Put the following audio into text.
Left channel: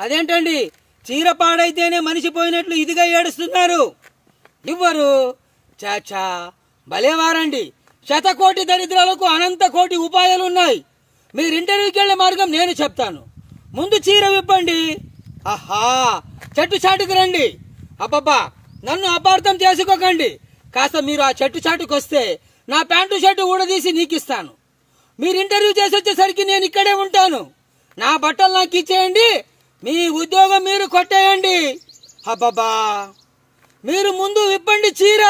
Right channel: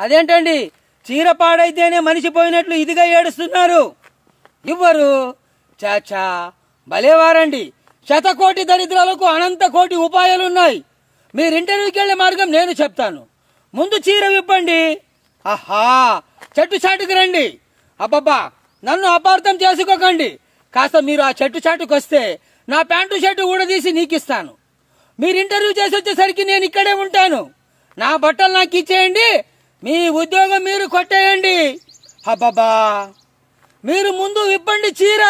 అదేంటండి, చీర పాడైతేనే మనిషి పోయినట్లు ఇదిగా ఏడుస్తున్నారు? ఇవ్వరు. చాచా, భలేవారండి. శతకోటి దరిద్రాలకు అనంత కోటి ఉపాయాలున్నాయి. మీరు ఇంటర్వ్యూకి వెళ్లే మార్గం నేను చెప్తాను. ముందు చీర విప్పండి. ఆహా, చెట్టు చాటుకు రండి. అబ్బబ్బా, నన్ను అపార్థం చేసుకోకండి. కాస్త మీరు ఆ చెట్టు చాటుకు వస్తే నా ప్యాంటు షర్టు ఊడదీసి నీకిస్తాను. మీరు ఇంటర్వ్యూ చేసి వచ్చేసరికి నేను ఇక్కడే ఉంటాను. నా బట్టలు నాకు ఇచ్చేయండి, మీ ఉద్యోగం మీరు కొట్టేయండి. అబ్బబ్బా, మీరు ముందు విప్పండి చీర.